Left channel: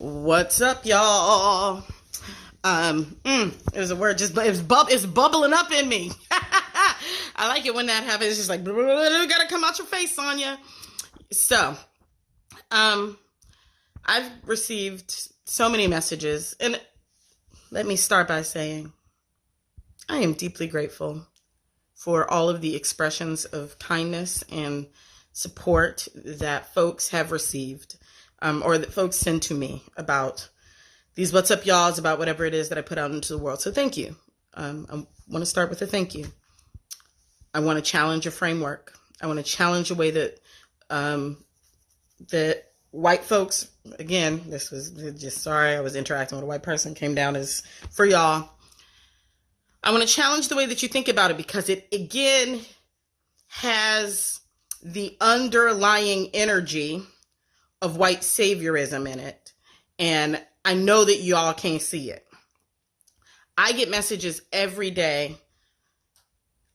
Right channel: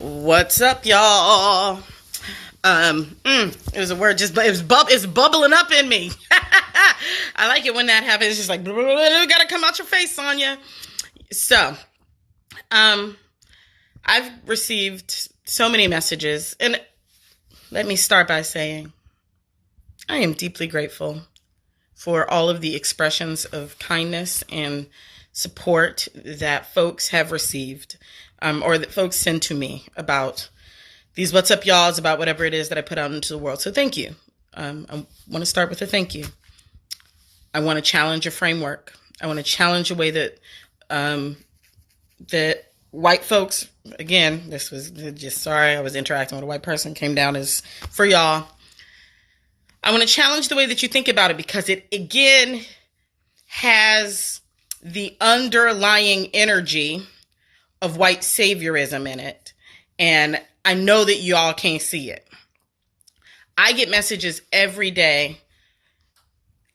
What's up, y'all? It was a word it's bubbling up in me. I like it when that happens. It's just like, gotta come out your face, Sonya. So, I've received so many messages, and let me start by saying I am deeply grateful for all of the expressions of kindness and support that folks have received, or that folks send to me about these What's Up Y'alls, about whatever it is that I put out into the world. So thank you. I want to start with a thank you. I want to challenge a framework. I want to challenge a way that that white folks, again, this was just, sorry, I was interacting with a white person, came down as for y'all. I want to challenge the way that you think about it, because it, again, has the underlying energy of white saviorism in it. And I know that y'all can't see it. I get messages every day.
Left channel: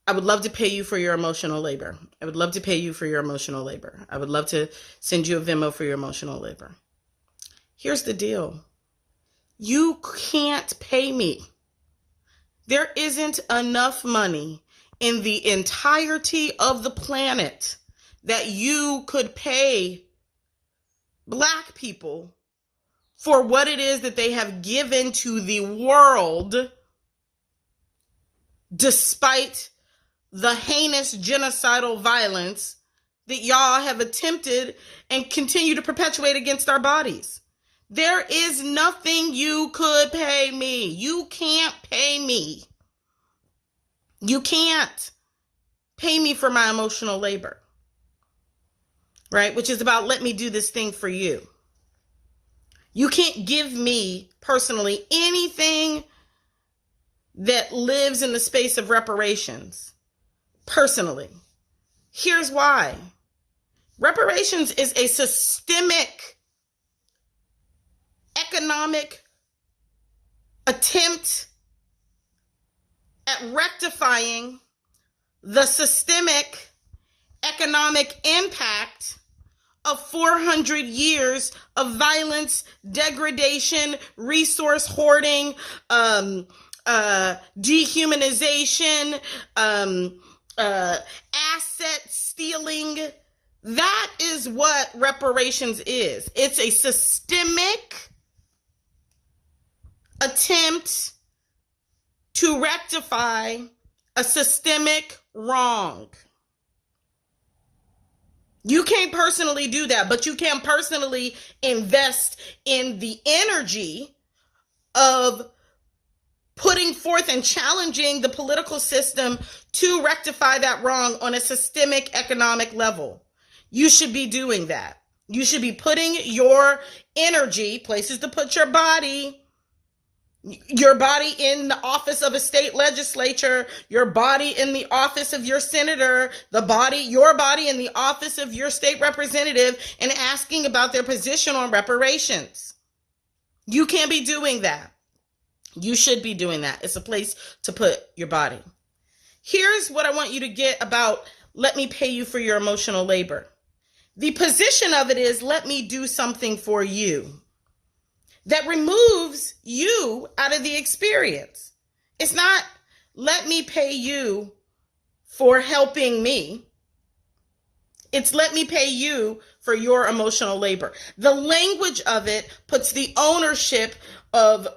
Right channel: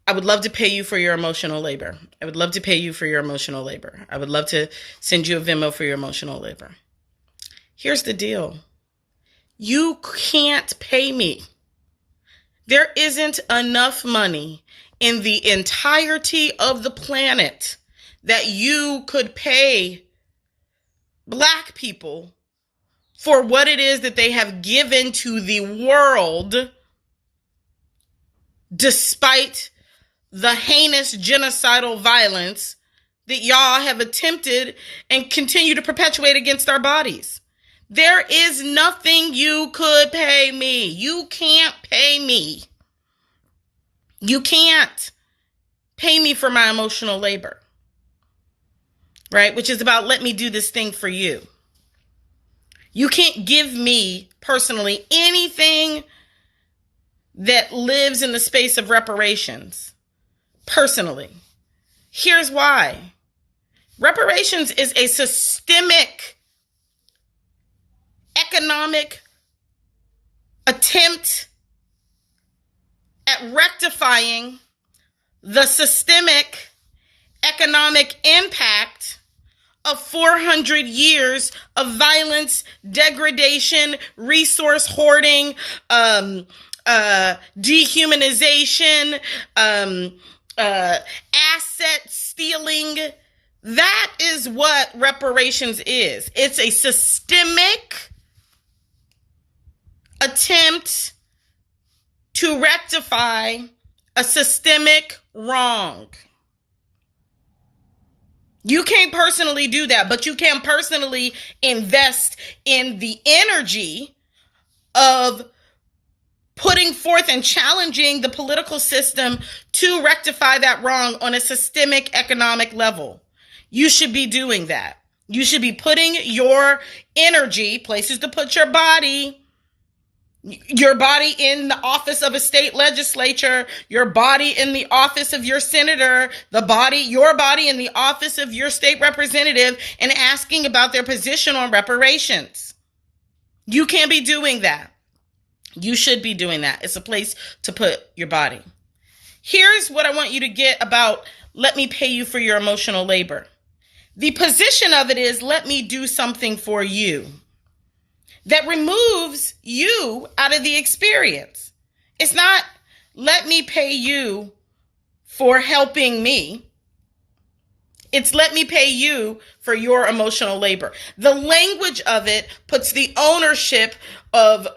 I would love to pay you for your emotional labor. I would love to pay you for your emotional labor. I would love to send you a Venmo for your emotional labor. Here's the deal. You can't pay me. There isn't enough money in the entirety of the planet that you could pay Black people for what it is that they have given to the world, despite the heinous genocidal violence that y'all have attempted and continue to perpetuate against our bodies. There is nothing you could pay me. You can't pay me. You can't pay me for my emotional labor, right? Which is about, let me do this thing for you. You can't give me personally anything that lives in the space of reparations. Personally. Here's why. Reparations is a systemic economic attempt at rectifying the systemic economic impact of 400 years of violence, degradation, resource hoarding, dehumanization, asset stealing. That is what reparations is. It's a systemic attempt to rectify a systemic wrong. You can't personally do that, but you can personally invest in the energy of putting forth and challenging the political system to rectify that wrong on a systemic economic level. You should be doing that. You should be putting your energy, places to put your body in the office of a state legislature, your body in the office of your senator, your body in the office of your state representative, and asking about their position on reparations. You can't be doing that. You should be doing that. It's a place to put your body. Here's what I want you to get about let me pay you for your emotional labor. The position of it is, let me do something for you that removes you out of the experience. It's not, let me pay you for helping me. It's, let me pay you for your emotional labor. The language of it puts the ownership of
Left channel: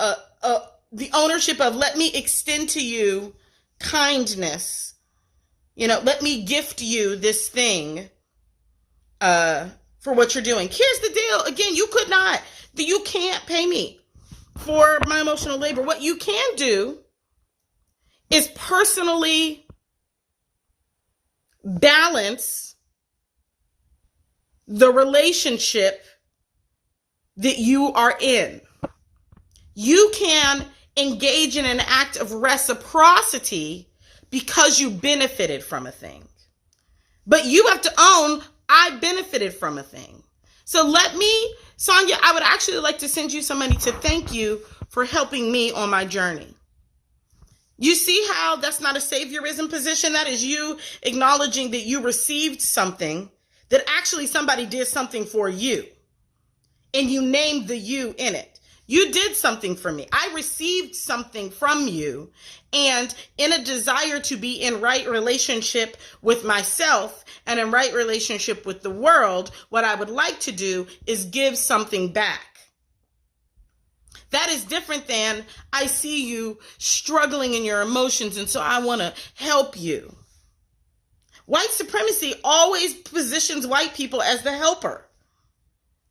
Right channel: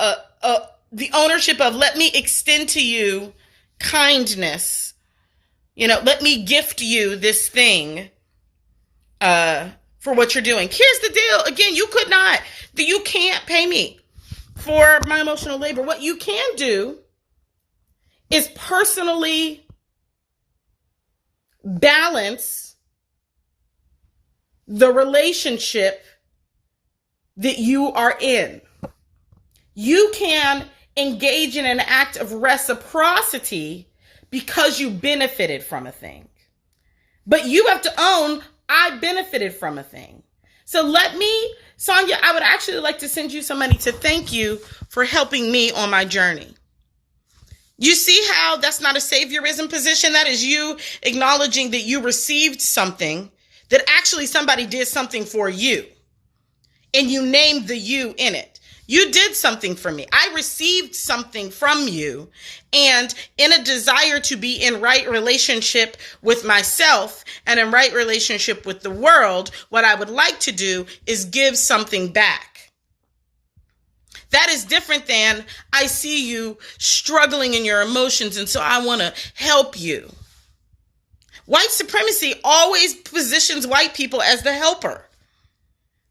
let me extend to you kindness. Let me gift you this thing for what you're doing. Here's the deal. Again, you can't pay me for my emotional labor. What you can do is personally balance the relationship that you are in. You can engage in an act of reciprocity because you benefited from a thing. But you have to own, I benefited from a thing. So Sonya, I would actually like to send you some money to thank you for helping me on my journey. You see how that's not a saviorism position? That is you acknowledging that you received something, that actually somebody did something for you. and you named the you in it. You did something for me. I received something from you. And in a desire to be in right relationship with myself and in right relationship with the world, what I would like to do is give something back. That is different than I see you struggling in your emotions, and so I want to help you. White supremacy always positions white people as the helper.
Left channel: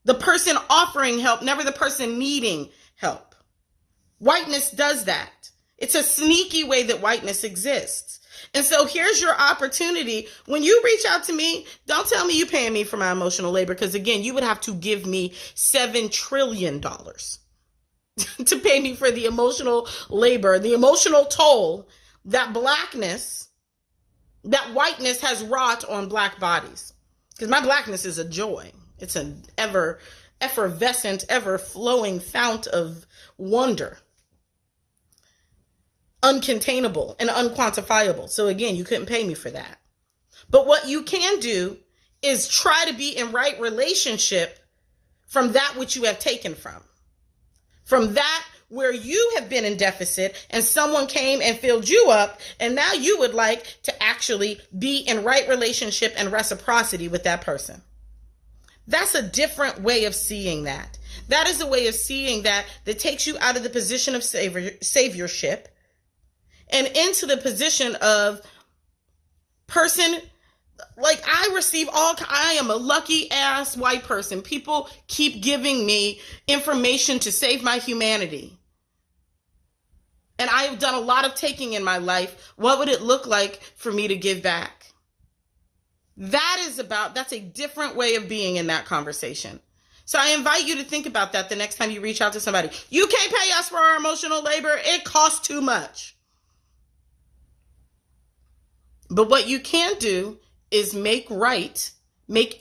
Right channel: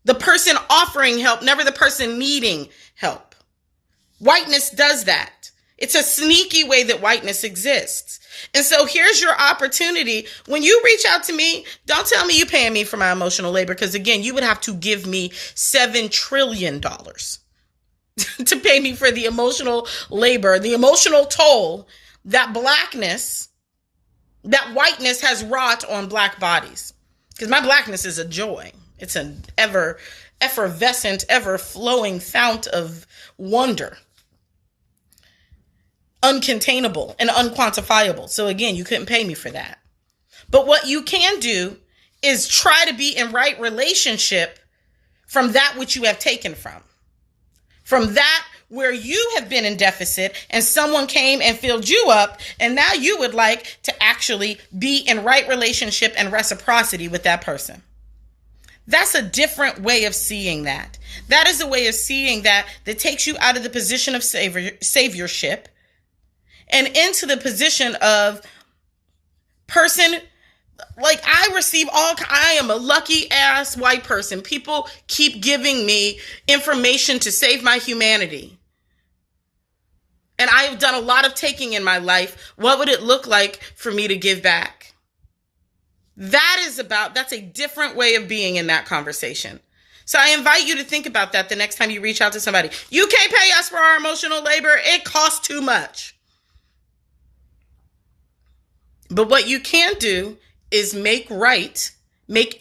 The person offering help, never the person needing help. Whiteness does that. It's a sneaky way that whiteness exists. And so here's your opportunity. When you reach out to me, don't tell me you're paying me for my emotional labor, because again, you would have to give me $7 trillion to pay me for the emotional labor, the emotional toll that blackness, that whiteness has wrought on black bodies. Because my blackness is a joy. It's an ever effervescent, ever flowing fount of wonder. Uncontainable and unquantifiable. So again, you couldn't pay me for that. But what you can do is try to be in right relationship from that which you have taken from. From that where you have been in deficit and someone came and filled you up, and now you would like to actually be in right relationship and reciprocity with that person. That's a different way of seeing that. That is a way of seeing that takes you out of the position of saviorship and into the position of person. Like I am a lucky ass white person. People keep giving me information to save my humanity. And I have done a lot of taking in my life. What would it look like for me to give back? That's a different way of being in that conversation. So I invite you to think about that the next time you reach out to somebody. You can't pay us for our emotional labor. It costs too much. But what you can do is make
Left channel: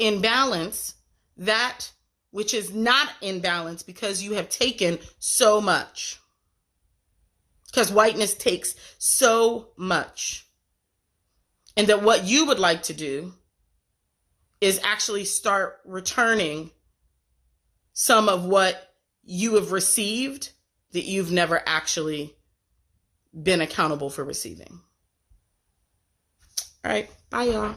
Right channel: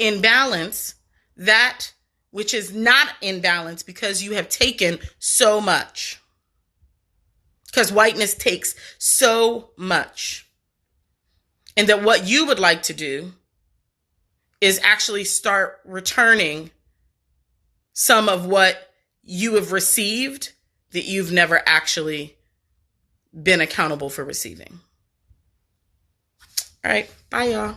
in balance that which is not in balance because you have taken so much. Because whiteness takes so much. And that what you would like to do is actually start returning some of what you have received that you've never actually been accountable for receiving. All right. Bye, y'all.